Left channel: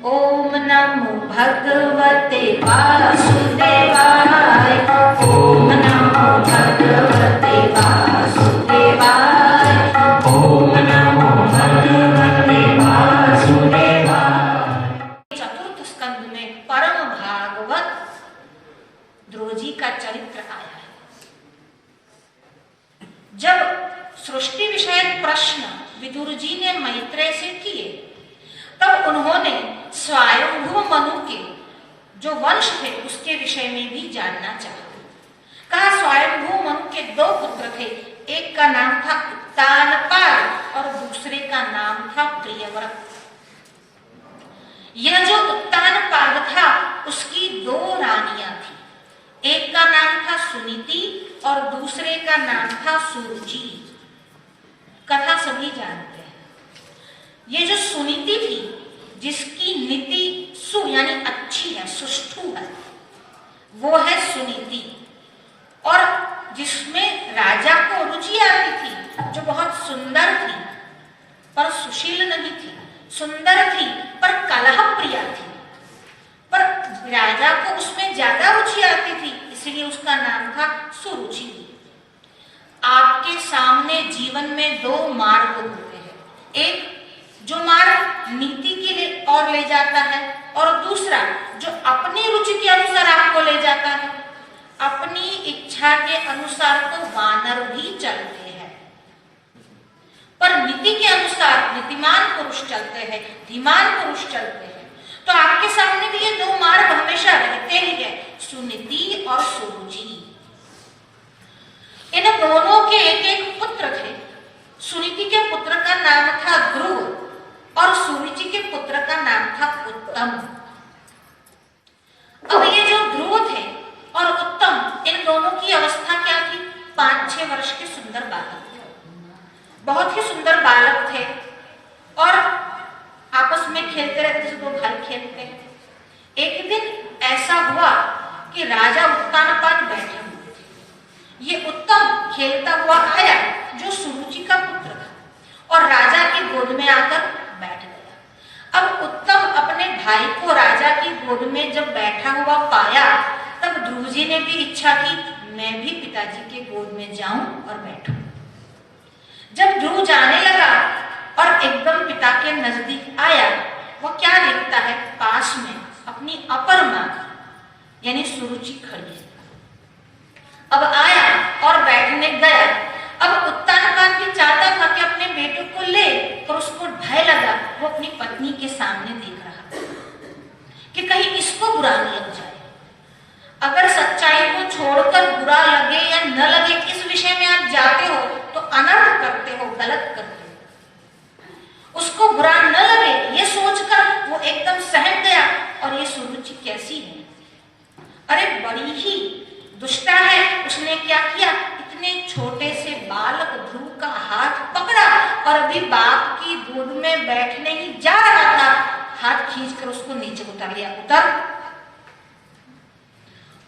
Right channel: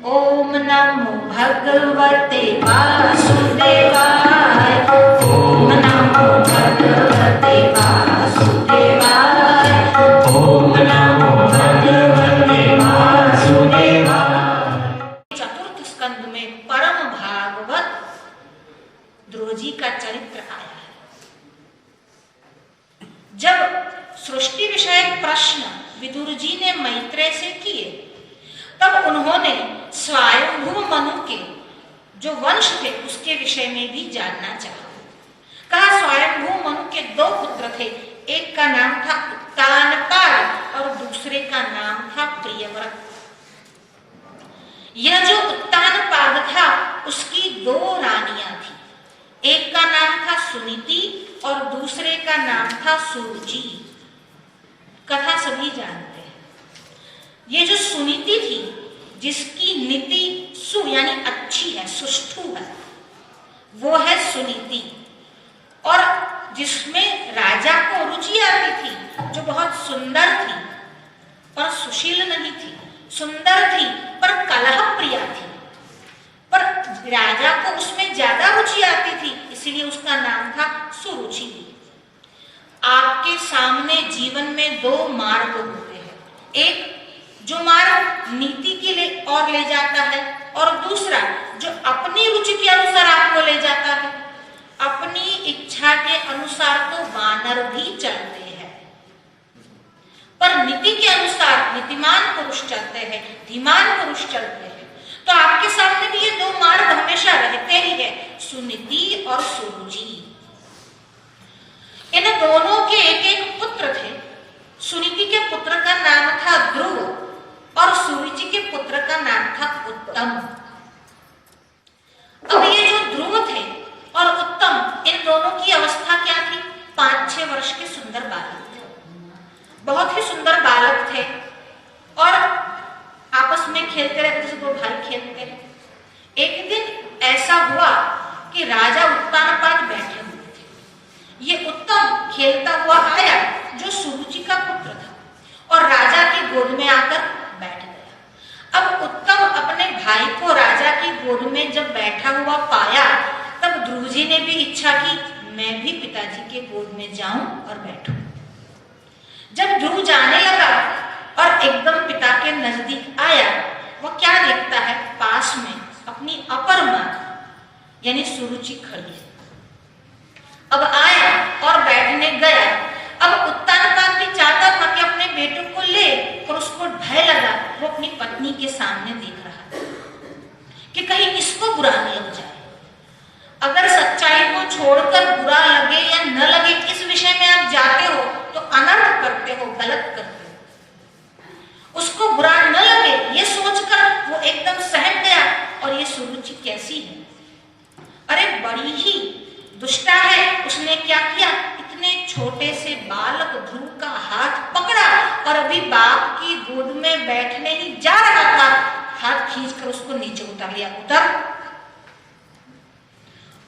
ओम नमो भगवते वासुदेवाय। ओम नमो भगवते वासुदेवाय। ओम नमो भगवते वासुदेवाय। चतुर्थ स्कंद में परम भागवत ध्रुव जी का चरित्र आया है। जब सृष्टि विषयक प्रश्न विदुर जी ने मैत्रेय से किए, तब उन्होंने स्वयंभू मनु के जो वंश थे उसके विषय में भी जानना चाहा। कहा स्वयंभू मनु के दो पुत्र थे, एक का नाम था उत्तानपाद और दूसरे का नाम था प्रियव्रत। यह जो उत्तानपाद था उसकी दो रानियां थी, एक का नाम था सुनीति और दूसरे का नाम था सुरुचि। कथा सभी जानते हैं। ये जो सुनीति थी, जिसकी नीति सु यानी अच्छी है, सुष्ठु है, वो है सुनीति। और जिसमें राजा को रुचि आती थी, जो बहुत सुंदर थी पर सुशील नहीं थी, सुंदर थी पर कलह प्रिया थी, पर राजा को उसमें ज्यादा रुचि आती थी, इसलिए उसका नाम था सुरुचि। आपके सामने जीवन में दो मार्ग होते हैं, एक जो मार्ग नीति के लिए और ले जाता है, और दूसरा जो अपनी रुचि के अनुसार आपको ले जाता है। अपनी इच्छा के अनुसार तो वानर भी चलते हैं, पर नीति के अनुसार नीतिमान पुरुष चलते हैं, धीमान पुरुष चलते हैं। तो आपके सामने भी ये दो मार्ग हमेशा रहते ही है, सुनीति और सुरुचि। इन दोनों के एक एक पुत्र थे। सुनीति के पुत्र का नाम था ध्रुव और सुरुचि के पुत्र का नाम था उत्तम। अब ये जो ध्रुव थे और उत्तम, इन दोनों की अवस्था क्या थी? 5-6 वर्ष के सुंदर बालक थे, बहुत ही सुंदर बालक थे, और आपस में खेलते रहते थे, दो भाई खेलते हैं। एक दिन ऐसा हुआ कि राजा उत्तानपाद बैठे हुए थे। ये उत्तम खेलता हुआ आया, जो सुरुचि का पुत्र था, और राजा की गोद में आकर बैठ गया। अब उत्तम अपने भाई को राजा की गोद में जब बैठा हुआ पाया, तब ध्रुव जी ने भी इच्छा की मैं भी पिताजी के गोद में जाऊं और बैठूं। जब ध्रुव जाने लगा और एकदम पिता के नजदीक आया, वो क्या देखता है? पास में अपनी अपर मां यानी सुरुचि खड़ी है। अब आया और बैठने गया। अब उत्तानपाद भी चाहता था कि अपने बेटे को ले और उसको भय लगा, वो अपनी पत्नी के सामने देख रहा था कि कहीं इसको बुरा न लग जाए। अगर सच्चाई को छोड़कर बुरा लगे या न लगे, इस विषय में आप जाते हो तो अनर्थ करते हो, गलत करते हो। उसको बुरा न लगे ये सोचकर वो एकदम सहम गया। और ये सुरुचि कैसी है? अरे बड़ी ही दुष्टा है। उसने क्या किया? इतने छोटे से बालक ध्रुव का हाथ पकड़ा और अभी बाप की गोद में बैठने ही जा रहा था, हाथ खींचकर उसको नीचे उतार लिया। उतर,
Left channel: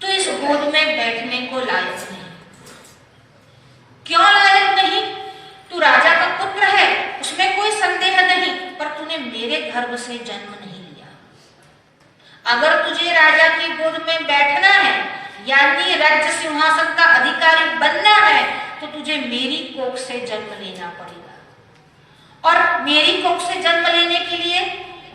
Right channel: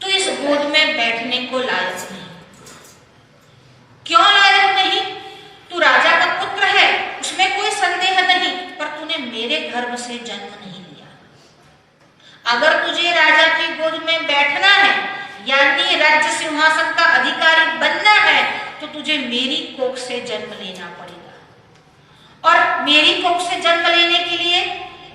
तो इस गोद में बैठने को लायक नहीं। क्यों लायक नहीं? तू राजा का पुत्र है, उसमें कोई संदेह नहीं, पर तूने मेरे गर्भ से जन्म नहीं लिया। अगर तुझे राजा की गोद में बैठना है यानी राज्य सिंहासन का अधिकारी बनना है, तो तुझे मेरी कोख से जन्म लेना पड़ेगा। और मेरी कोख से जन्म लेने के लिए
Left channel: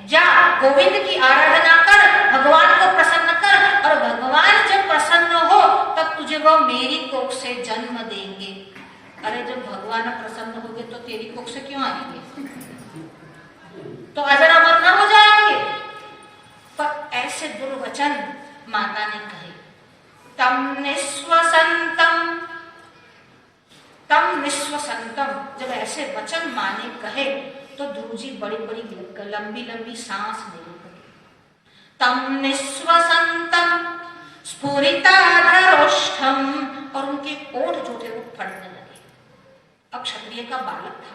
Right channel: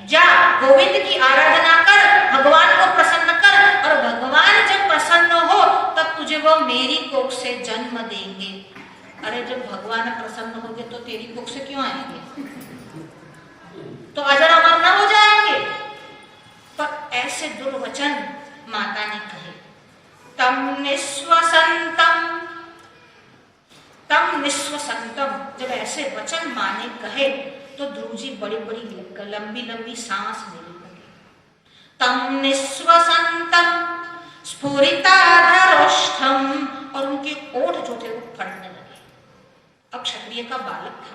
जा, गोविंद की आराधना कर, भगवान को प्रसन्न कर, और भगवान जब प्रसन्न हो तब तुझे वो मेरी कोख से जन्म देंगे। अरे जब भगवान प्रसन्न होंगे तो तेरी कोख से क्यों आएंगे? तो अजर अमर न हो जाएंगे? पर ऐसे दुर्वचन माता ने कहे। तम निस्वसंतम, जब ऐसे वचन माने कहे तो ध्रुव जी बड़ी बड़ी लंबी लंबी सांस लेने लगे। तम निस्वसंतम स्फुरिताधरोष्ठम, और उनके ओठ जो थे वो फटने लगे। अब क्षत्रिय का बालक था,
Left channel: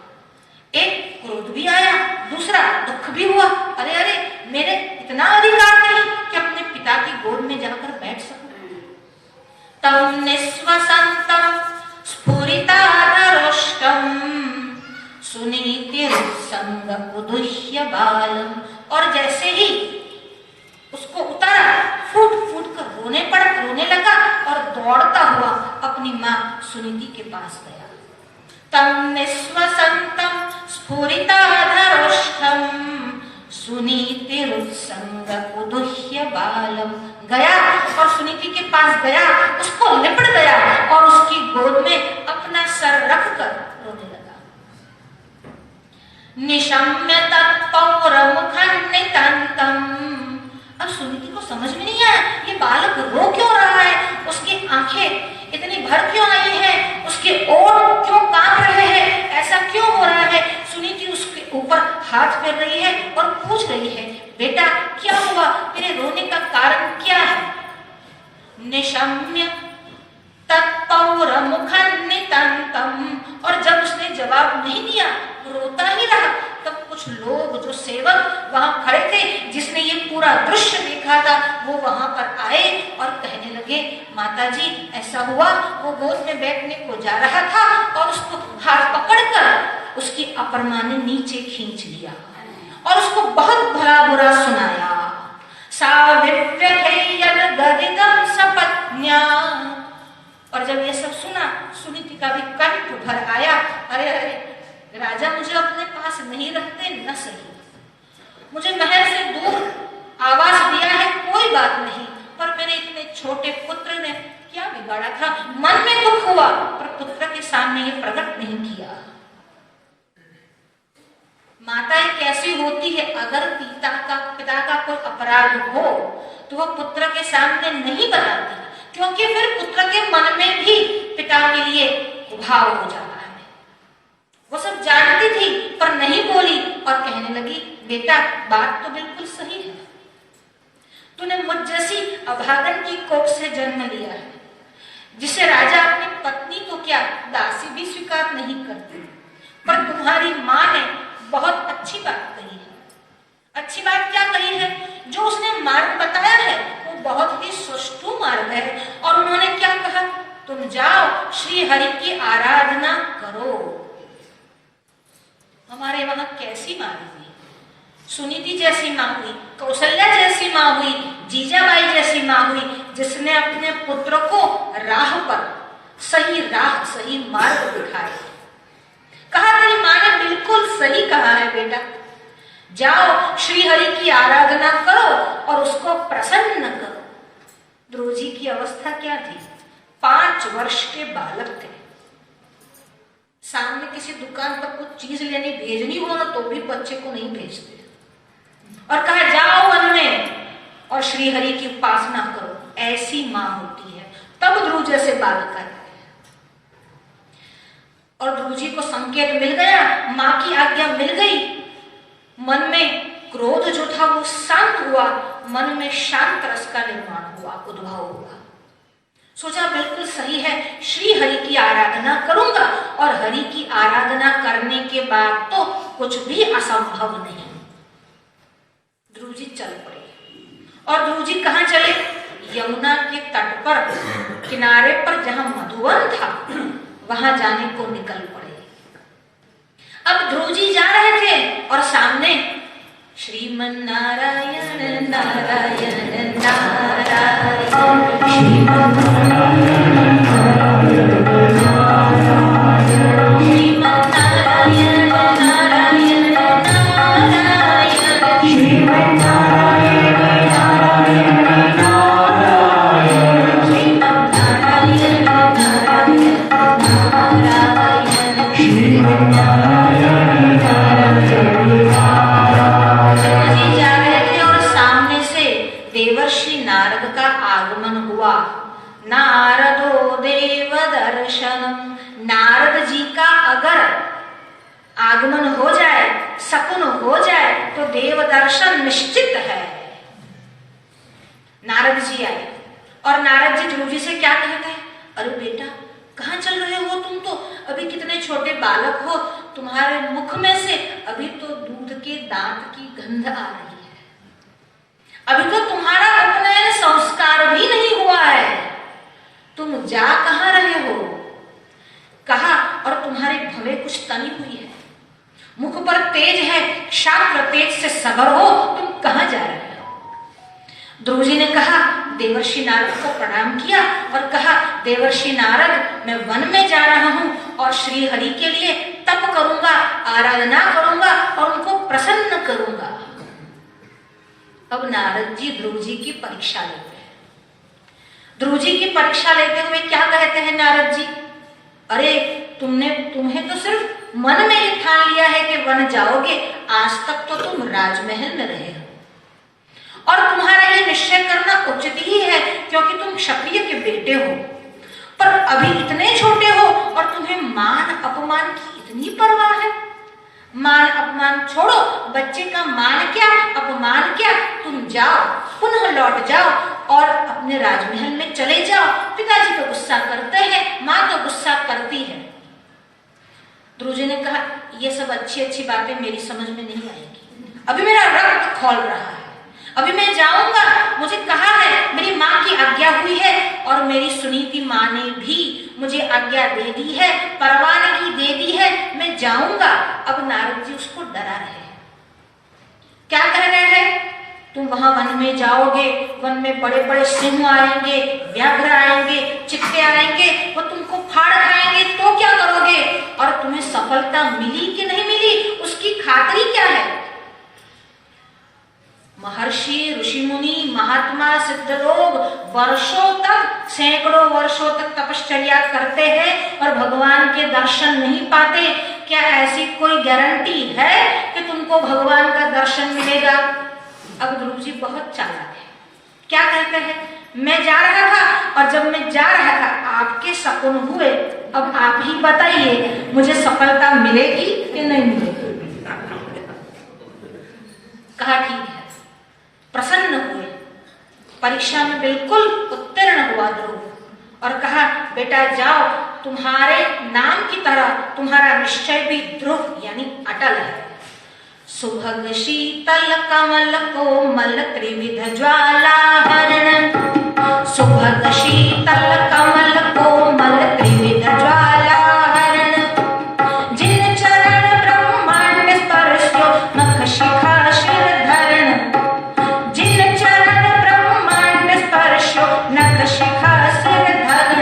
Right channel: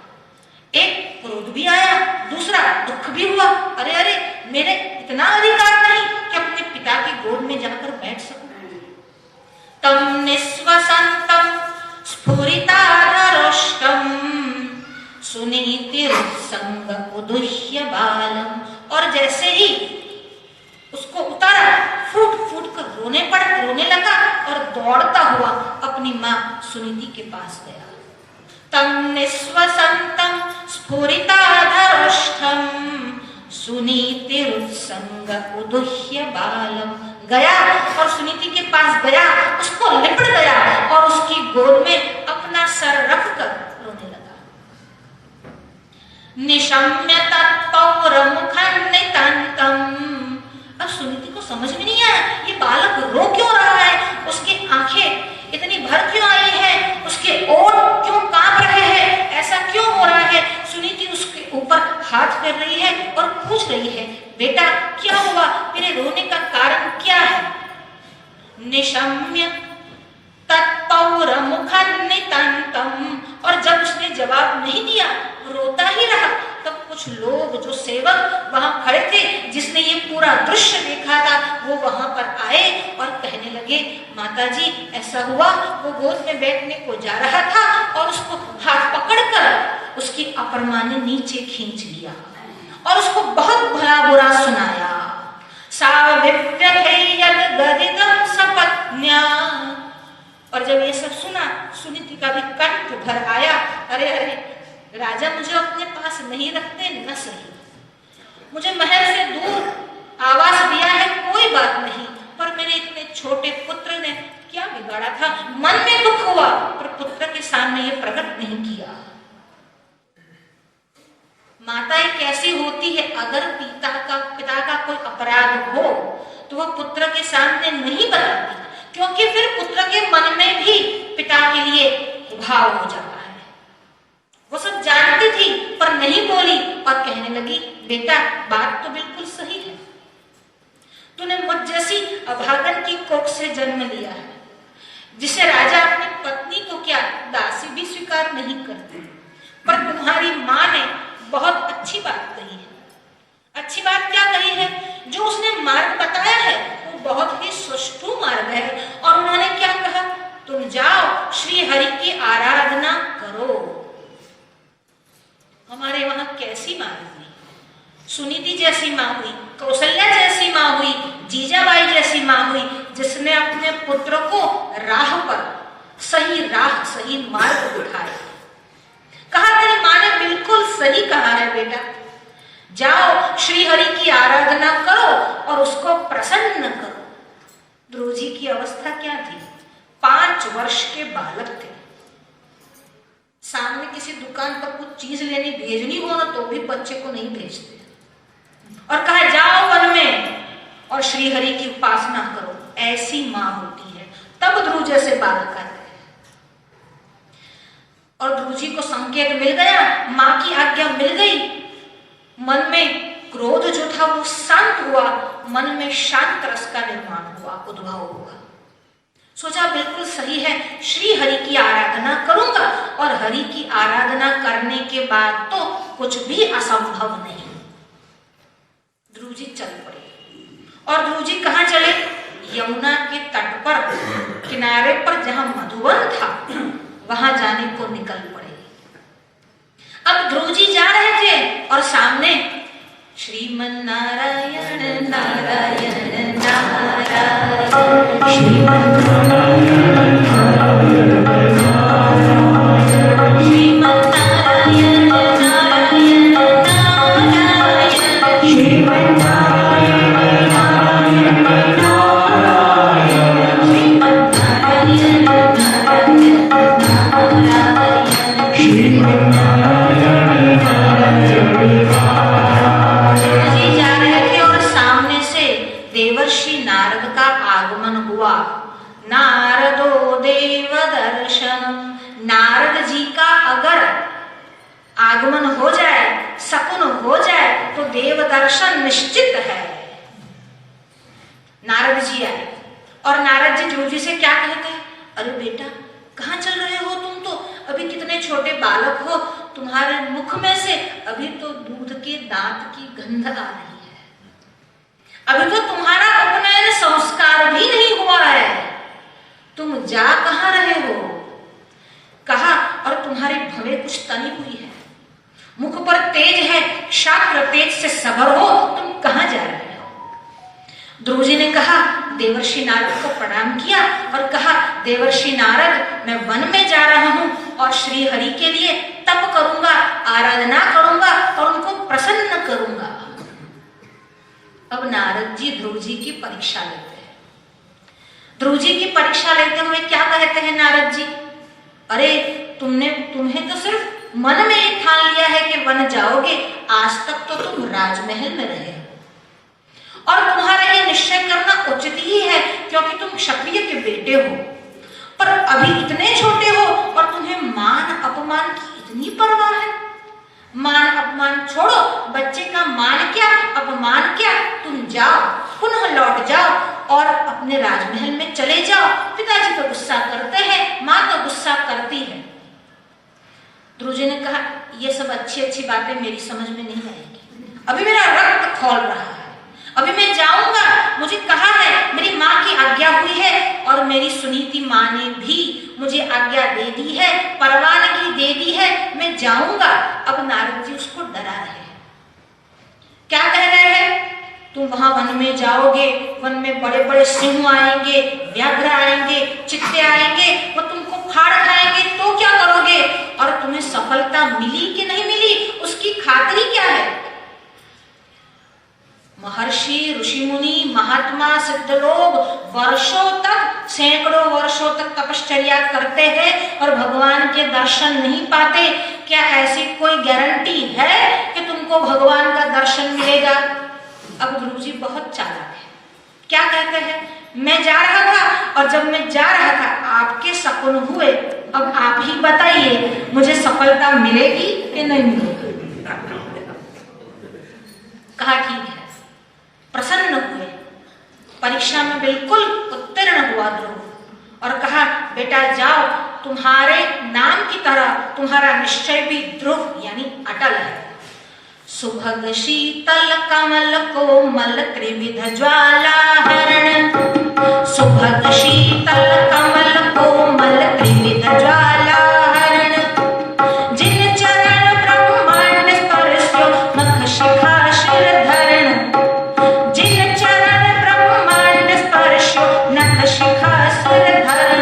एक क्रोध भी आया, दूसरा दुख भी हुआ। अरे अरे, मेरे इतना अधिकार नहीं कि अपने पिता की गोद में जाकर बैठ सकूं। तम निस्वसंतम स्फुरिताधरोष्ठम सुनीतिर्संग उदुह्य बालम, और जैसे ही अपनी माँ सुनीति के पास गया। तम निस्वसंतम स्फुरिताधरोष्ठम सुनीतिरुत्संग उदुह्य बालम। गया और सुनीति के पास गया, उसको लिपट गया और उसकी गोद में अपना सर रखकर रोने लगा। निशम्य तत्पौरमुखं नितंतम। अब सुनीति को समझ में नहीं आया ये बालक रो क्यों रहा है, उसकी आंखें इतनी भर क्यों आई है, उसके ओठ क्यों कांप रहे हैं, ऐसा क्यों हो रहा है। सुनीति उसके ऊपर हाथ फेर रही है और पूछ रही है, बेटा क्या हुआ, तेरे रोने का कारण क्या है। निशम्य तत्पौरमुखं नितंतम। और जब उसने जवाब नहीं दिया, रोता ही रहा, तब कुछ लोग जो सेवक वहां खड़े थे, जिसने ये पूरा दृश्य देखा था, वो वहां पर आए और कहने लगे, माताजी ऐसा हुआ, वो गोद में बैठने को जा रहा था और उसको हाथ पकड़कर उसकी अपर मां ने नीचे खींच लिया और उसको बहुत भला बुरा सुनाया। साविव्यथैयद्गदितं सपत्न्या। और जब ये सब सुना, सुनीति का भी कंठ भर आया, अरे अरे राजा मुझे अपने पास नहीं रखते न सही, मुझे महल से दूर आवास दिया है कोई बात नहीं, पर मेरे इतने छोटे पुत्र ने क्या बिगाड़ा था। मन में दुख हुआ पर पुत्र के सामने ये प्रकट नहीं किया। माताएं कैसी होती है, अगर पिता का कोई अपराध हो तो वो पुत्र के सामने नहीं बताती, क्योंकि फिर पुत्र के मन में भी पिता के लिए भाव हो जाता है। वो सब जानती थी पर नहीं बोली और कहने लगी, बेटा बात तो बिल्कुल सही है, तूने मुझ जैसी अभागन की कोख से जन्म लिया है, जिसे राजा अपनी पत्नी तो क्या दासी भी स्वीकार नहीं करती। पर तुम्हारी माँ ने बहुत अच्छी बात कही है। अच्छी बात क्या कही है, जो उसने मार्ग बताया है वो बहुत ही सुष्ठु मार्ग है। और उन्होंने क्या कहा, तुम जाओ श्री हरि की आराधना करो। हमारे वहां कैसी माँ हुई, सुनीति जैसी माँ हुई, कौशल्या जैसी माँ हुई, जीजाबाई जैसी माँ हुई, जिसने अपने पुत्र को राह पर सही मार्ग दिखाया। कहा तेरी माँ ने बिल्कुल सही कहा है बेटा, जाओ श्री हरि की आराधना करो और उसको प्रसन्न करो। ध्रुव जी की अवस्था क्या थी, 5 वर्ष के बालक थे। सामने किसी दुकान पर कुछ चीज लेनी भेजनी हो ना तो भी बच्चे को नहीं भेजते, और कहा जाओ वन में और श्री हरि की उपासना करो। ऐसी माँ होती है, तब ध्रुव जैसे बालक आते हैं। और ध्रुव जी को संकेत मिल गया, माँ की आज्ञा मिल गई, मन में क्रोध जो था वो शांत हुआ, मन में शांत रस का निर्माण हुआ, उद्भव हुआ। सोचा बिल्कुल सही है, श्री हरि की आराधना करूंगा और हरि की आराधना करने के बाद तो कुछ भी असंभव नहीं। ध्रुव जी चल पड़े। और ध्रुव जी कहाँ चले, यमुना के तट पर किनारे पर जहां मधुवन था वहां जाने को निकल पड़े। अब ध्रुव जी जा रहे थे और सामने श्रीमन नारायण नारायण नारायण श्रीमन नारायण नारायण श्रीमन नारायण नारायण नारायण श्रीमन नारायण नारायण नारायण श्रीमन नारायण नारायण नारायण श्रीमन नारायण नारायण। जा रहे थे और सामने से देवर्षि नारद का आगमन हुआ। नारदो देव दर्शनम। नारद जी का अगर आगमन हो जाए, सकुन हो जाए तो देव दर्शन निश्चित है। नारद जी आए और नारद जी ध्रुव जी से क्या कहते, अरे बेटा कहाँ चल रहे हो तुम, तो अभी कितने छोटे बालक हो, तुम्हारे मुख में से अभी तो दूध के दांत की गंध आ रही है, अभी तो तुम्हारा उपनयन संस्कार भी नहीं हुआ है, तुम जा कहाँ रहे हो। कहा और तुम्हारी भवें कुछ तनी हुई है, मुख पर तेज है, शास्त्र तेज से सबर हो, तुम कहाँ जा रहे हो। ध्रुव जी ने कहा देवर्षि नारद को प्रणाम किया और कहा, देवर्षि नारद, मैं वन में जा रहा हूँ और श्री हरि के लिए तप करूंगा, आराधना करूंगा और उनको प्रसन्न करूंगा। अब नारद जी ध्रुव जी की परीक्षा लेते हैं। ध्रुव जी की परीक्षा लेते हुए क्या कहते हैं नारद जी, अरे तुम्हें तो सिर्फ मन में ही ठान लिया है कि वन जाओगे, आज तक तो तुम राजमहल में रहे हो और तुम्हारा ये निश्चय करना उचित ही है क्योंकि तुम क्षत्रिय के बेटे हो, पर अभी इतने छोटे हो और तुम्हें मान अपमान की इतनी परवाह है। मान अपमान छोड़ो, बच्चे का मान क्या अपमान क्या, तुम जाओ, पुनः लौट जाओ और अपने राजमहल में चले जाओ। पिताजी तो गुस्सा करते हैं, माँ तो गुस्सा करती है। ध्रुव जी ने कहा, ये सब अच्छी बातें मेरी समझ में नहीं आएगी, अभी मेरा रक्त खौल रहा है, अभी मैं जाऊंगा, मुझे कहा है, मेरी माँ की आज्ञा हुई है और मेरी सुनीति माँ ने भी मुझे आज्ञा दे दी है, परवानगी दे दी है, मैं जाऊंगा। अब नारद जी उसको डरा रहे हैं। क्या कह रहे हैं, तुम वहां वन में जाओगे, वन में बड़े बड़े सिंह आएंगे, व्याघ्र आएंगे, चित्ते आएंगे, वो तुमको फाड़ खाएंगे, तो क्या करोगे, और तुम्हें सफलता मिली कि नहीं मिली उसकी खातिरी क्या है। महर्षि, ऋषि मुनि, महात्मा, सिद्ध लोग वर्षों तक, सैकड़ों वर्षों तक तपश्चर्या करते हैं और भगवान के दर्शन नहीं पाते। क्या ऐसी कोई गारंटी है कि तुमको भगवान का दर्शन मिलेगा। अब ध्रुव जी बहुत चालाक है। क्या कहते हैं, मैं जा रहा था और जब मैं जा रहा था आपके सपन हुए, अब आप ही बताइए मुझे सफलता मिलेगी कि नहीं मिलेगी। कहा ठीक है, प्रसन्न हुए, परीक्षा में बिल्कुल उत्तीर्ण हुआ ध्रुव और कहा, बेटा जाओ, तुम्हारे नाम की तरह तुम्हारा निश्चय भी ध्रुव यानी अटल है। सुभग शीतल कमल कोमल त्रिविध ज्वाला हरण, सुभग शीतल कमल कोमल त्रिविध ज्वाला हरण, जिन चरण ब्रह्मांड स्पर्शो नख शिखा शिर धरण, जिन चरण ब्रह्मांड स्पर्शो नख शिखा सिर धरण,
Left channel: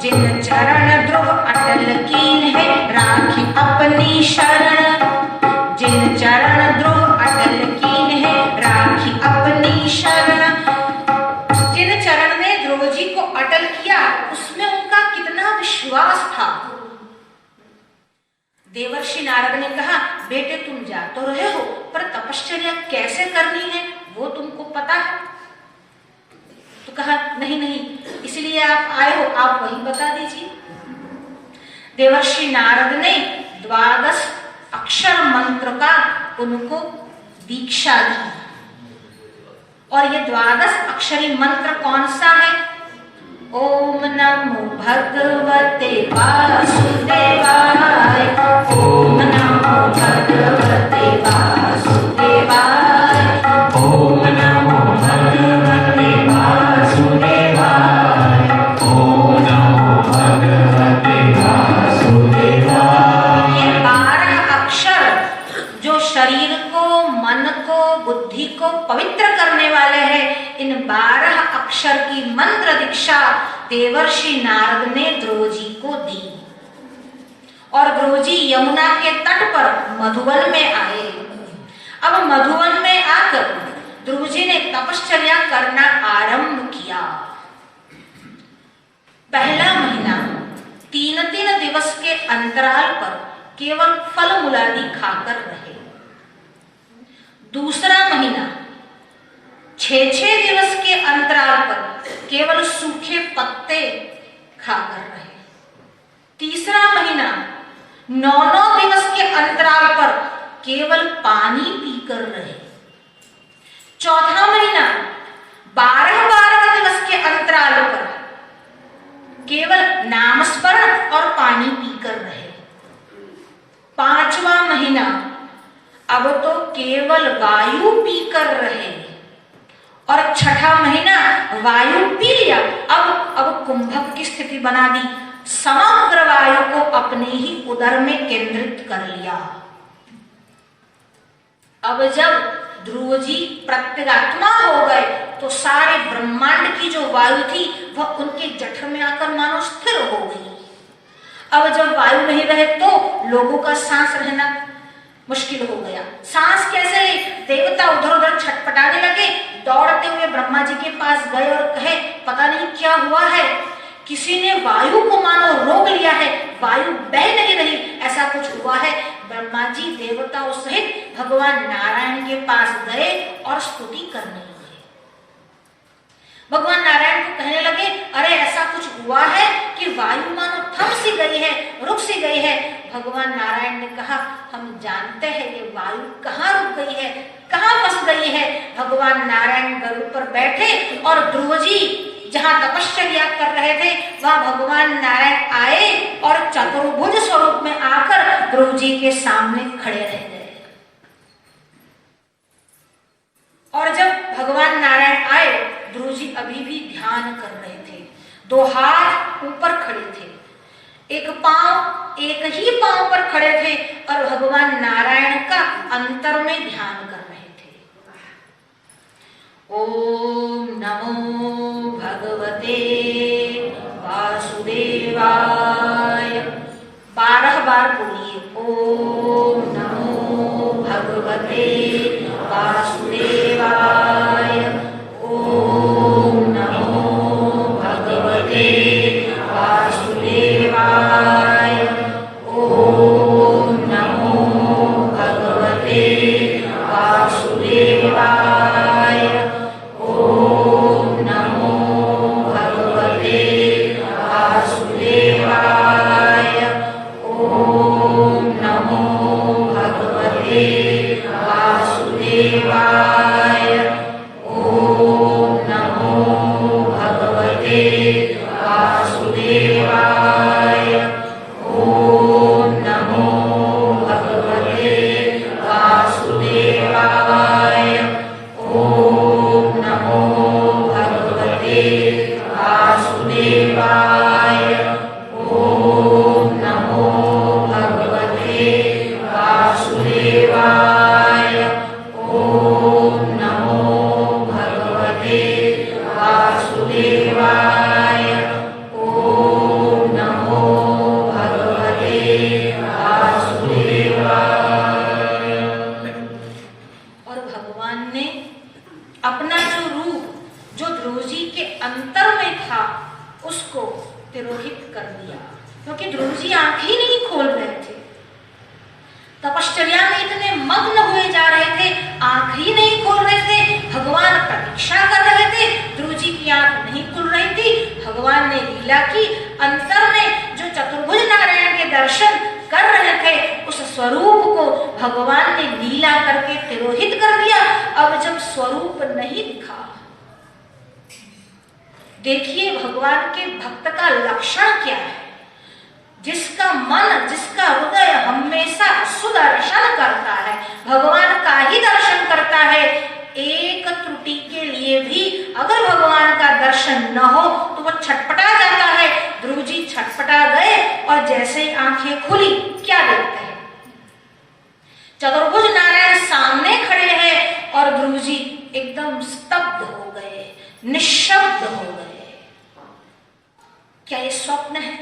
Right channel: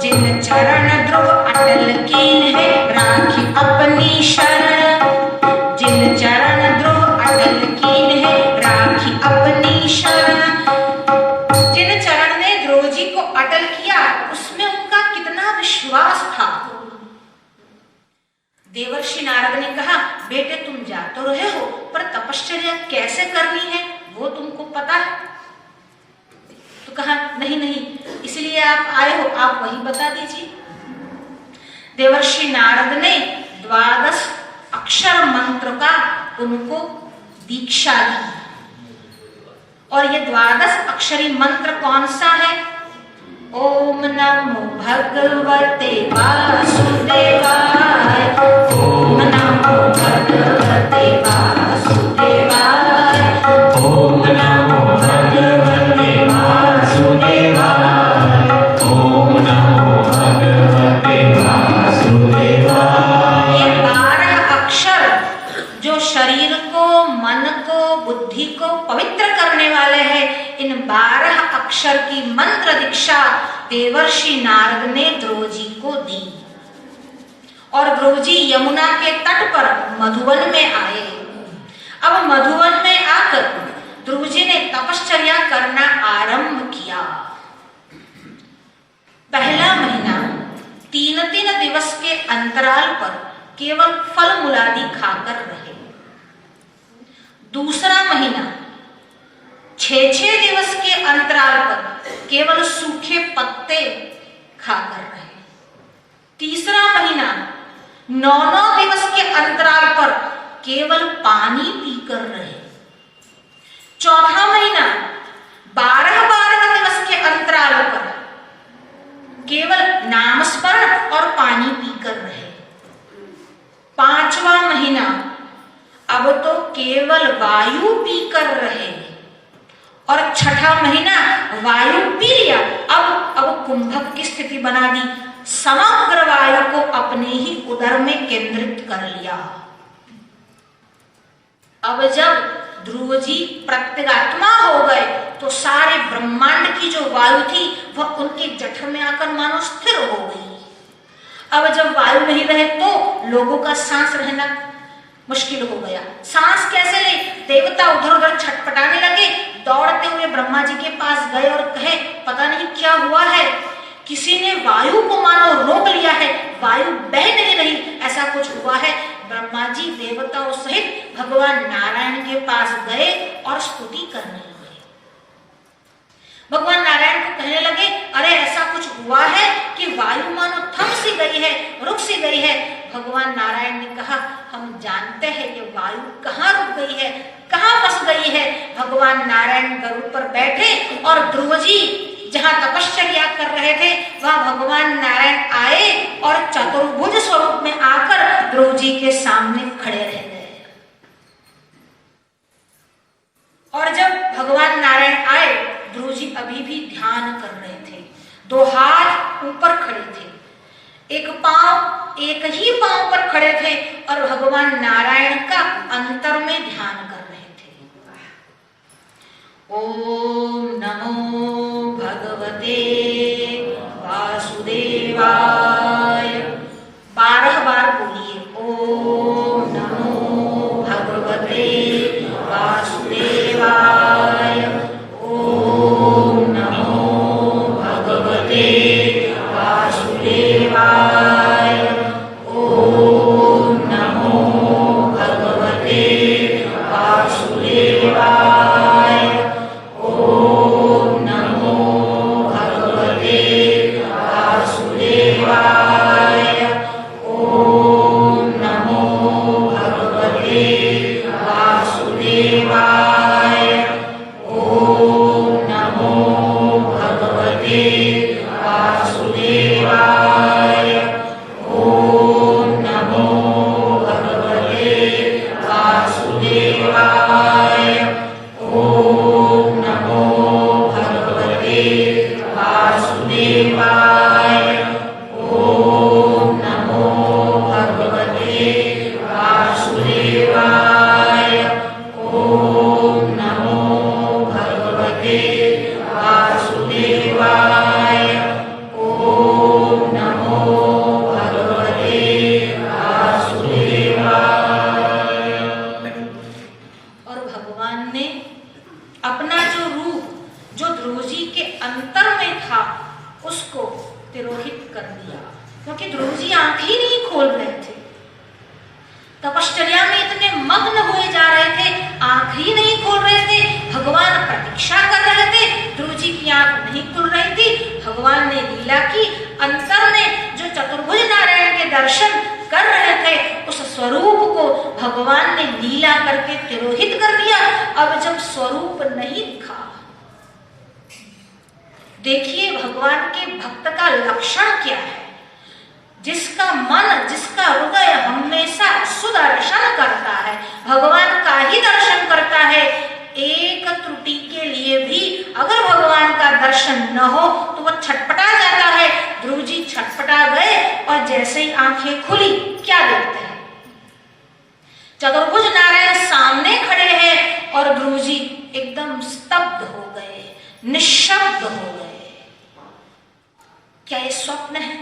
जिन चरण ध्रुव अटल कीन है राखी अपनी शरण, जिन चरण ध्रुव अटल कीन है राखी अपनी शरण। जिन चरण ने ध्रुव जी को अटल किया उसमें उनका कितना विश्वास था। देवर्षि नारद ने कहा, बेटे तुम जा तो रहे हो, पर तपश्चर्या कैसे करनी है वो तुमको पता है। तो कहा, नहीं, इसलिए आप आए हो, आप वही बता दीजिए। देवर्षि नारद ने 12 अक्षर मंत्र का उनको दीक्षा दी और ये 12 अक्षरी मंत्र कौन सा है, ओम नमो भगवते वासुदेवाय, ओम नमो भगवते वासुदेवाय, ओम नमो भगवते वासुदेवाय, ओम नमो भगवते वासुदेवाय। ये 12 अक्षर जो शरीर को, मन को, बुद्धि को पवित्र करने वाले हैं, इन 12 अक्षर की मंत्र दीक्षा देवर्षि नारद ने ध्रुव जी को दी और ध्रुव जी यमुना के तट पर मधुवन में आए। अब मधुवन में आकर ध्रुव जी ने तपश्चर्या करना आरंभ किया। पहला महीना 3 दिवस के अंतराल पर केवल फल मूलादि खाकर रहे। दूसरा महीना 6 दिवस के अंतराल पर केवल सूखे पत्ते खाकर रहे। तीसरा महीना 9 दिवस के अंतराल पर केवल पानी पीकर रहे। चौथा महीना 12 दिवस के अंतराल पर केवल नामस्मरण और पानी पीकर रहे। पांचवा महीना अब तो केवल वायु पीकर रहे और छठा महीना वायु पी लिया, अब कुंभक की स्थिति बना दी, समग्र वायु को अपने ही उदर में केंद्रित कर लिया। अब जब ध्रुव जी प्रत्यगात्मा हो गए तो सारे ब्रह्मांड की जो वायु थी वह उनके जठर में आकर मानो स्थिर हो गई। अब जब वायु नहीं रहे तो लोगों का सांस रहना मुश्किल हो गया। सांस कैसे ले? देवता उधर उधर छटपटाने लगे, दौड़ते हुए ब्रह्मा जी के पास गए और कहे पता नहीं क्या हुआ है, किसी ने वायु को मानो रोक लिया है, वायु बह नहीं रही, ऐसा कुछ हुआ है। ब्रह्मा जी देवताओं सहित भगवान नारायण के पास गए और स्तुति करने लगे। भगवान नारायण को कहने लगे अरे ऐसा कुछ हुआ है कि वायु मानो थम सी गई है, रुक सी गई है। भगवान नारायण ने कहा हम जानते हैं कि वायु कहाँ रुक गई है, कहाँ फंस गई है। भगवान नारायण गरुड़ पर बैठे और ध्रुव जी जहाँ तपश्चर्या कर रहे थे वहां भगवान नारायण आए और चतुर्भुज स्वरूप में आकर ध्रुव जी के सामने खड़े रह गए। और जब भगवान नारायण आए, ध्रुव जी अभी भी ध्यान कर रहे थे, दो हाथ ऊपर खड़े थे, एक ही पांव पर खड़े थे और भगवान नारायण का अंतर में ध्यान कर रहे थे। ओम नमो भगवते वासुदेवाय, 12 बार बोलिए ओम नमो भगवते वासुदेवाय, ओम नमो भगवते वासुदेवाय, ओम नमो भगवते वासुदेवाय, ओम नमो भगवते वासुदेवाय, ओम नमो भगवते वासुदेवाय, ओम नमो भगवते वासुदेवाय, ओम नमो भगवते वासुदेवाय, ओम नमो भगवते वासुदेवाय, ओम नमो भगवते वासुदेवाय, ओम नमो भगवते वासुदेवाय, ओम नमो भगवते वासुदेवाय। और भगवान ने अपना जो रूप जो ध्रुव जी के अंतर में था उसको तिरोहित कर दिया, क्योंकि ध्रुव जी आंख ही नहीं खोल रहे थे, तपश्चर्या में इतने मग्न हुए जा रहे थे, आंख ही नहीं खोल रहे थे। भगवान प्रतीक्षा कर रहे थे, ध्रुव जी की आंख नहीं खुल रही थी। भगवान ने लीला की, अंतर में जो चतुर्भुज नारायण के दर्शन कर रहे थे उस स्वरूप को भगवान ने लीला करके तिरोहित कर दिया। अब जब स्वरूप नहीं दिखा, देखिए भगवान के भक्त का लक्षण क्या है। जिसका मन, जिसका हृदय हमेशा सुदर्शन करता है, भगवान का ही दर्शन करता है। एक त्रुटि के लिए भी अगर भगवान का दर्शन न हो तो वह छटपटा जाता है। ध्रुव जी छटपटा गए और जैसे ही आंखें खुली क्या देखते हैं, चतुर्भुज नारायण सामने खड़े हैं और ध्रुव जी एकदम स्तब्ध हो गए, निशब्द हो गए। क्या ये स्वप्न है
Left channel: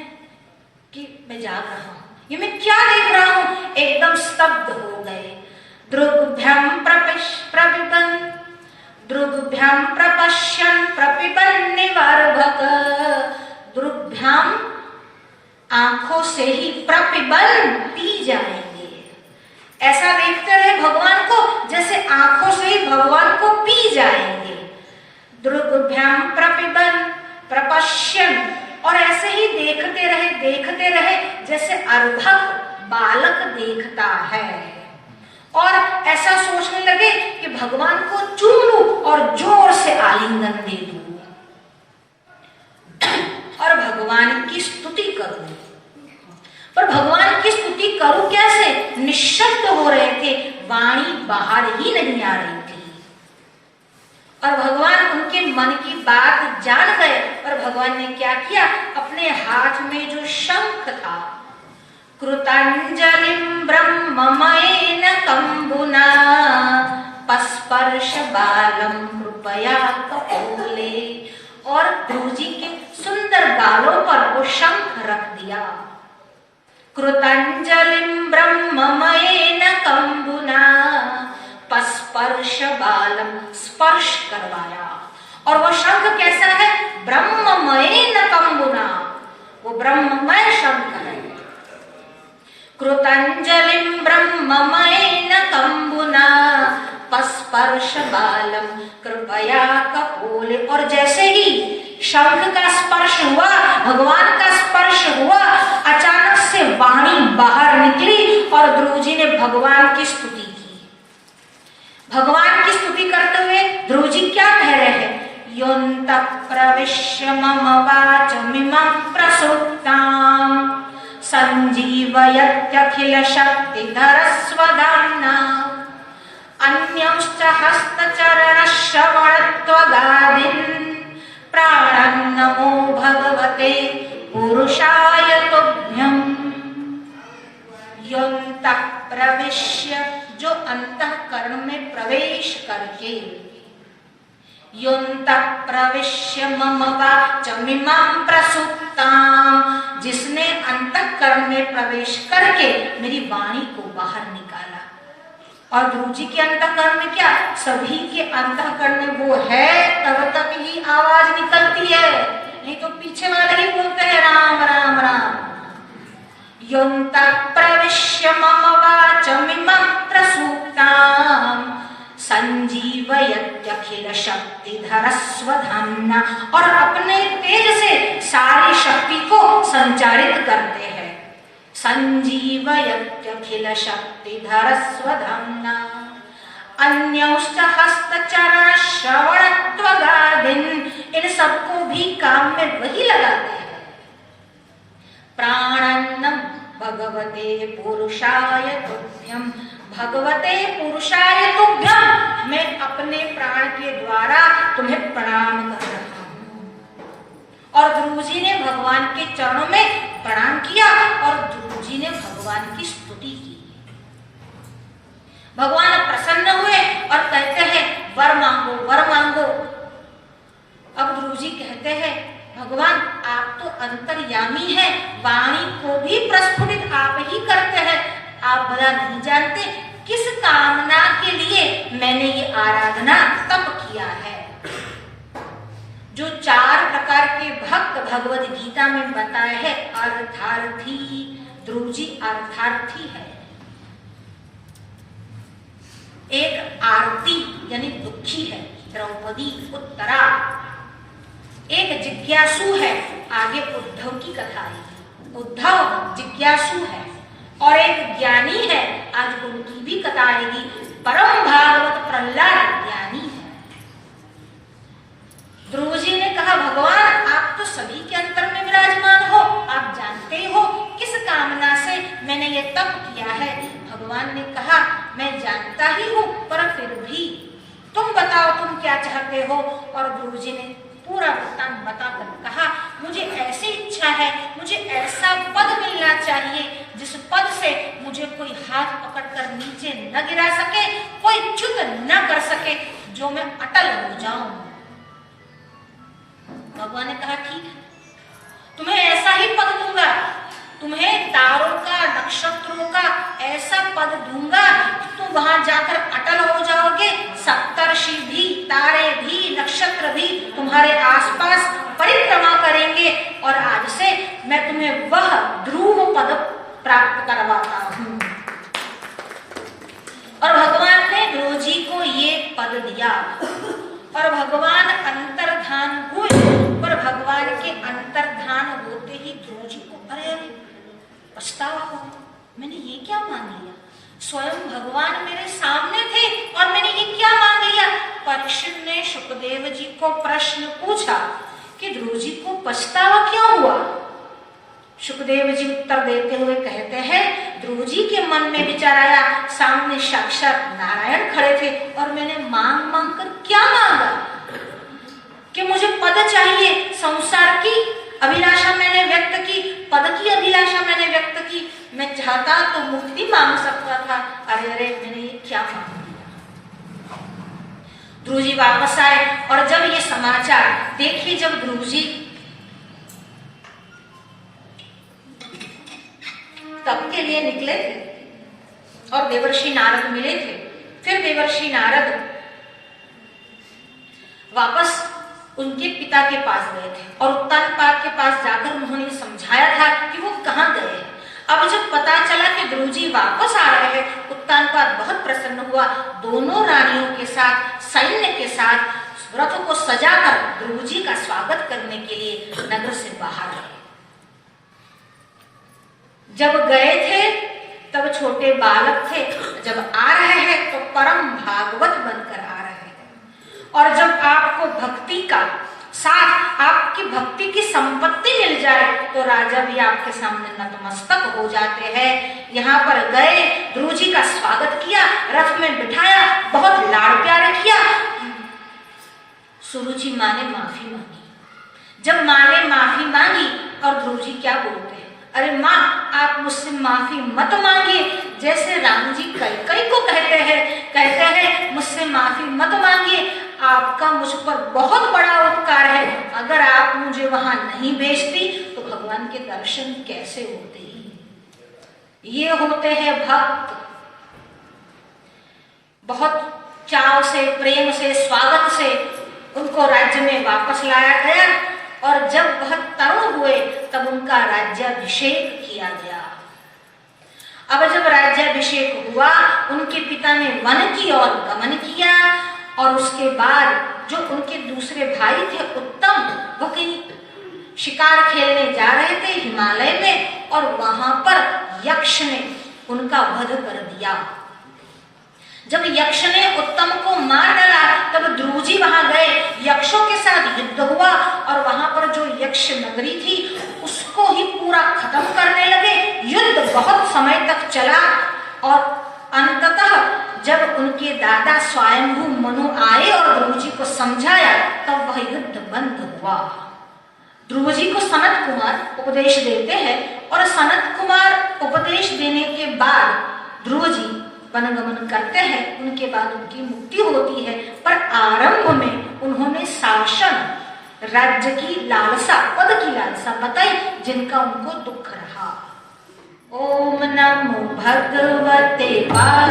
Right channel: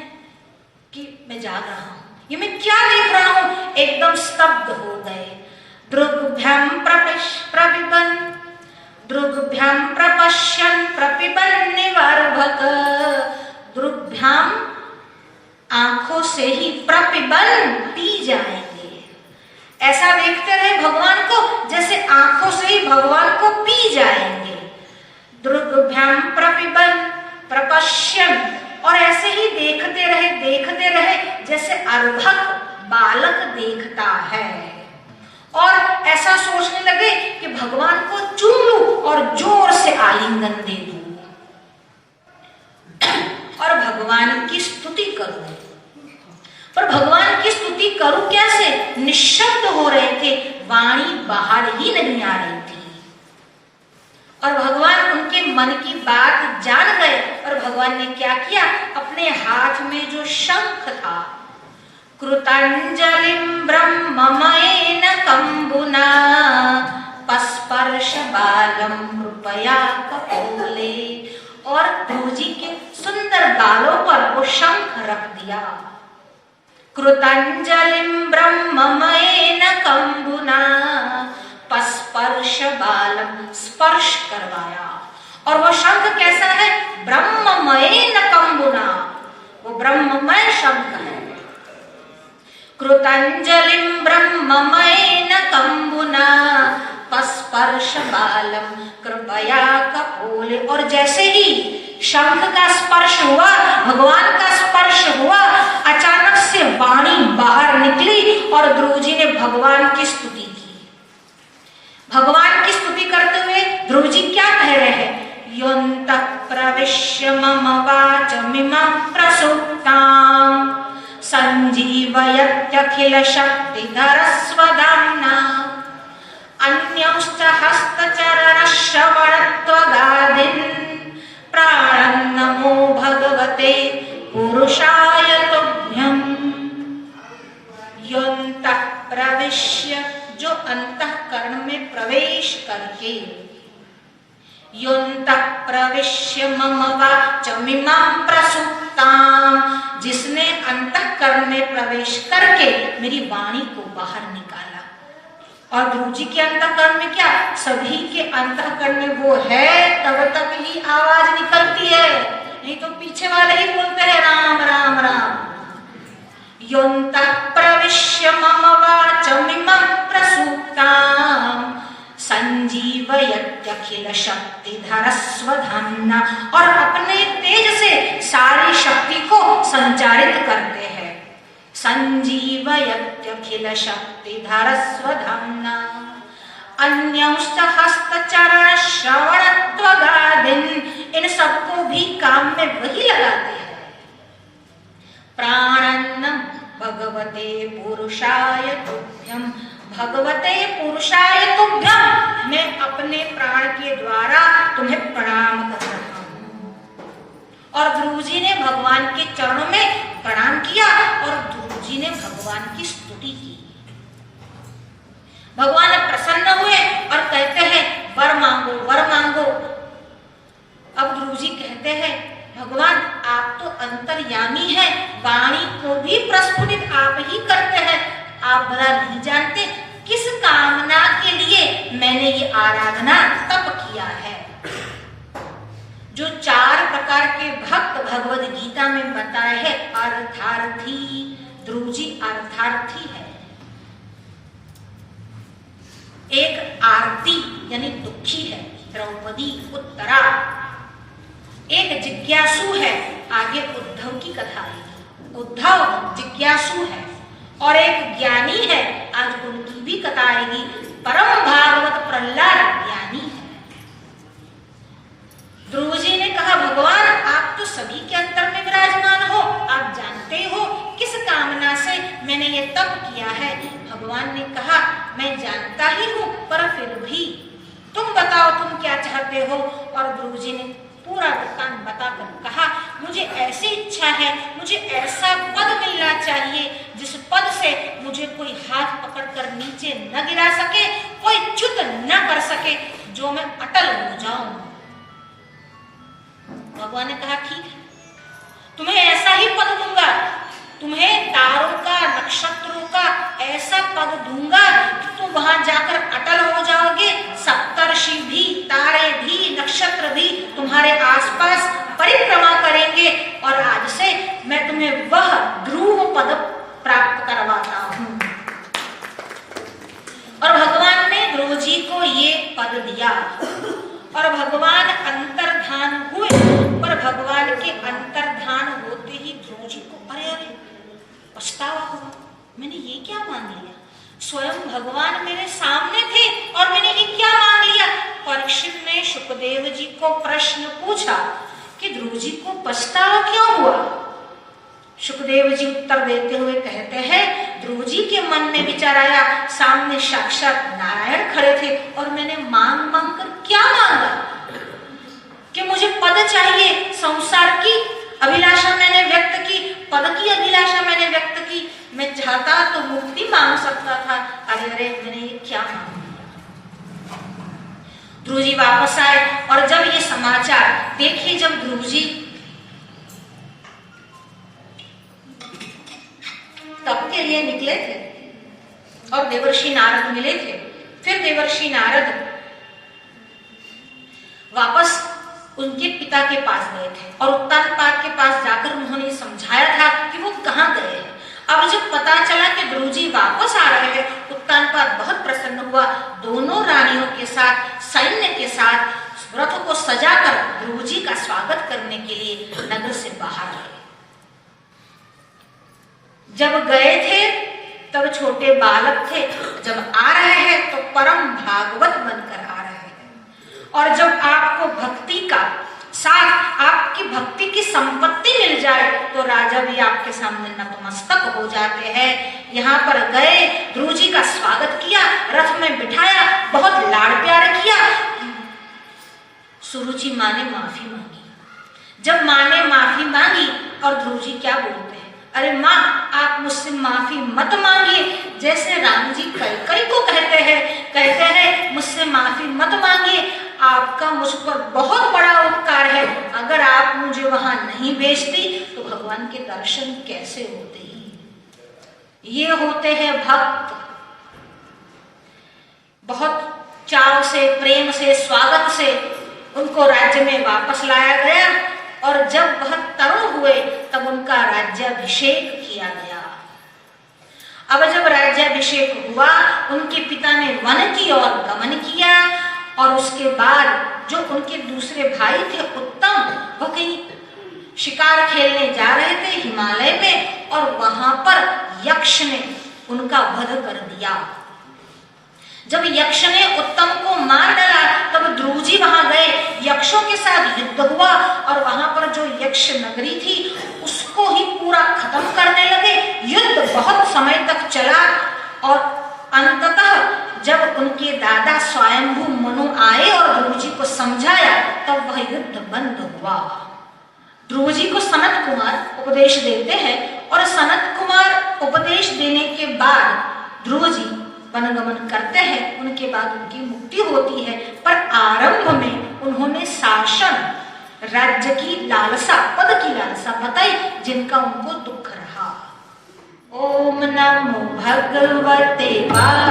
कि मैं जाग रहा हूं? ये मैं क्या देख रहा हूं? एकदम स्तब्ध हो गए। दृग्भ्याम प्रपिबन, दृग्भ्याम प्रपश्यन प्रपिबन निवर्भक, दृग्भ्याम आंखों से ही प्रपिबन पी जाएंगे। ऐसा देखते रहे भगवान को जैसे आंखों से ही भगवान को पी जाएंगे। दृग्भ्याम प्रपिबन प्रपश्यन, और ऐसे ही देखते रहे जैसे अर्भक बालक देखता है। और ऐसा सोचने लगे कि भगवान को चूम लूं और जोर से आलिंगन दे दूं और भगवान की स्तुति करूं। पर भगवान की स्तुति करूं कैसे? निशब्द हो रहे थे, वाणी बाहर ही नहीं आ रही थी। और भगवान उनके मन की बात जान गए और भगवान ने क्या किया, अपने हाथ में जो शंख था, कृतांजलिं ब्रह्ममयेन कंबुना पस्पर्श बालं कृपया कपोलम्, बोले और ध्रुव जी के सुंदर गालों पर वो शंख रख दिया। कृतांजलिं ब्रह्ममयेन कंबुना पस्पर्श बालम, स्पर्श करवाया। और वो शंख कैसा है? ब्रह्ममयेन कंबुना, वो ब्रह्ममय शंख है। कृतांजलिं ब्रह्ममयेन कंबुना पस्पर्श बालम कृपया कपोले। और जैसे ही शंख का स्पर्श हुआ, भगवान का स्पर्श हुआ, अचानक से वाणी बाहर निकली और ध्रुव जी ने भगवान की स्तुति की। भगवान की स्तुति करते हुए ध्रुव जी क्या कह रहे हैं? योऽन्तः प्रविश्य मम वाचमिमं प्रसुप्ताम् संजीवयत्यखिल शक्तिधर स्वधाम्ना अन्यंश्च हस्तचरण श्रवणत्वगादीन् प्राणन्नमो भगवते पुरुषाय तुभ्यम्। योऽन्तः प्रविश्य, जो अंतःकरण में प्रवेश करके, योऽन्तः प्रविश्य मम वाचमिमं प्रसुप्ताम्, जिसने अंतःकरण में प्रवेश करके मेरी वाणी को बाहर निकाला। और ध्रुव जी के अंतःकरण में क्या? सभी के अंतःकरण में वो है, तब तक ही आवाज निकलती है, नहीं तो पीछे वाले ही बोलते हैं राम राम राम। योऽन्तः प्रविश्य मम वाचमिमं प्रसुप्ताम् संजीवयत्यखिल शक्तिधर स्वधाम्ना, और अपने तेज से सारी शक्ति को संचारित करते हैं। संजीवयत्यखिल शक्तिधर स्वधाम्ना अन्यंश्च हस्तचरण श्रवणत्वगादीन्, इन सबको भी काम में वही लगाते हैं। प्राणन्नम भगवते पुरुषाय तुभ्यम, भगवते पुरुषाय तुभ्यम, मैं अपने प्राण के द्वारा तुम्हें प्रणाम कर रहा हूं। और ध्रुव जी ने भगवान के चरणों में प्रणाम किया और ध्रुव जी ने भगवान की स्तुति की। भगवान प्रसन्न हुए और कहते हैं वर मांगो, वर मांगो। अब ध्रुव जी कहते हैं भगवान आप तो अंतर्यामी हैं, वाणी को भी प्रस्फुटित आप ही करते हैं। आप भला नहीं जानते किस कामना के लिए मैंने ये आराधना तप किया है। जो 4 प्रकार के भक्त भगवद गीता में बताए हैं, अर्थार्थी, ध्रुव जी अर्थार्थी है। एक आरती यानी दुखी है, द्रौपदी उत्तरा। एक जिज्ञासु है, आगे उद्धव की कथा आएगी, उद्धव जिज्ञासु है। और एक ज्ञानी है, आज उनकी भी कथा आएगी, परम भागवत प्रहलाद ज्ञानी है। ध्रुव जी ने कहा भगवान आप तो सभी के अंतर में विराजमान हो, आप जानते हो किस कामना से मैंने ये तप किया है। भगवान ने कहा मैं जानता ही हूं, पर फिर भी तुम बताओ तुम क्या चाहते हो। और ध्रुव जी ने पूरा वृत्तांत बताकर कहा मुझे ऐसी इच्छा है, मुझे ऐसा पद मिलना चाहिए जिस पद से मुझे कोई हाथ पकड़कर नीचे न गिरा सके, कोई च्युत न कर सके, जो मैं अटल हो जाऊं। भगवान ने कहा ठीक है, तुम्हें ऐसा ही पद दूंगा, तुम्हें तारों का नक्षत्रों का ऐसा पद दूंगा कि तुम वहां जाकर अटल हो जाओगे। सप्तर्षि भी, तारे भी, नक्षत्र भी तुम्हारे आसपास परिक्रमा करेंगे और आज से मैं तुम्हें वह ध्रुव पद प्राप्त करवाता हूं। और भगवान ने ध्रुव जी को ये पद दिया और भगवान अंतर्धान हुए। पर भगवान के अंतर्धान होते ही ध्रुव जी को अरे अरे पछतावा हुआ, मैंने ये क्या मांग लिया। स्वयं भगवान मेरे सामने थे और मैंने ये क्या मांग लिया। परीक्षित ने शुकदेव जी को प्रश्न पूछा कि ध्रुव जी को पछतावा क्यों हुआ। शुकदेव जी उत्तर देते हुए कहते हैं ध्रुव जी के मन में विचार आया, सामने साक्षात नारायण खड़े थे और मैंने मांग मांग कर क्या मांगा कि मुझे पद चाहिए। संसार की अभिलाषा मैंने व्यक्त की, पद की अभिलाषा मैंने व्यक्त की। मैं चाहता तो मुक्ति मांग सकता था, अरे अरे मैंने ये क्या मांग लिया। ध्रुव जी वापस आए और जब ये समाचार देखिए, जब ध्रुव जी तप के लिए निकले थे और देवर्षि नारद मिले थे, फिर देवर्षि नारद वापस उनके पिता के पास गए थे और उत्तानपाद के पास जाकर उन्होंने समझाया था कि वो कहाँ गए हैं। अब जब पता चला कि ध्रुव जी वापस आ रहे हैं, उत्तानपाद बहुत प्रसन्न हुआ। दोनों रानियों के साथ, सैन्य के साथ रथ को सजाकर ध्रुव जी का स्वागत करने के लिए नगर से बाहर गए। जब गए थे तब छोटे बालक थे, जब आ रहे हैं तो परम भागवत बनकर आ रहे हैं। और जब आपको भक्ति का साथ, आपकी भक्ति की संपत्ति मिल जाए तो राजा भी आपके सामने नतमस्तक हो जाते हैं। यहाँ पर गए, ध्रुव जी का स्वागत किया, रथ में बिठाया, बहुत लाड़ प्यार किया। सुरुचि माँ ने माफी मांगी। जब माँ ने माफी मांगी और ध्रुव जी क्या बोलते हैं, अरे माँ आप मुझसे माफी मत मांगिए, जैसे राम जी कैकेयी को कहते हैं मुझसे माफी मत मांगिए, आपका मुझ पर बहुत बड़ा उपकार है। अगर आप मुझे वहां नहीं भेजती तो भगवान के दर्शन कैसे होते। ये होते हैं भक्त। बहुत चाव से, प्रेम से, स्वागत से उनको राज्य में वापस लाया गया और जब वह तरुण हुए तब उनका राज्याभिषेक किया गया। अब जब राज्याभिषेक हुआ, उनके पिता ने वन की ओर गमन किया और उसके बाद जो उनके दूसरे भाई थे उत्तम, वो कहीं शिकार खेलने जा रहे थे हिमालय में और वहां पर यक्ष ने उनका वध कर दिया। जब यक्ष ने उत्तम को मार डाला तब ध्रुव जी वहां गए, यक्षों के साथ युद्ध हुआ और वहां पर जो यक्ष नगरी थी उसको ही पूरा खत्म करने लगे। युद्ध बहुत समय तक चला और अंततः जब उनके दादा स्वयंभू मनु आए और ध्रुव जी को समझाया तब वह युद्ध बंद हुआ। ध्रुव जी को सनत कुमार उपदेश देते हैं और सनत कुमार उपदेश देने के बाद ध्रुव जी वनगमन करते हैं। उनके बाद उनकी मुक्ति होती है, पर आरंभ में उन्होंने शासन, राज्य की लालसा, पद की लालसा बताई जिनका उनको दुख रहा। ओम नमो भगवते वासुदेवाय।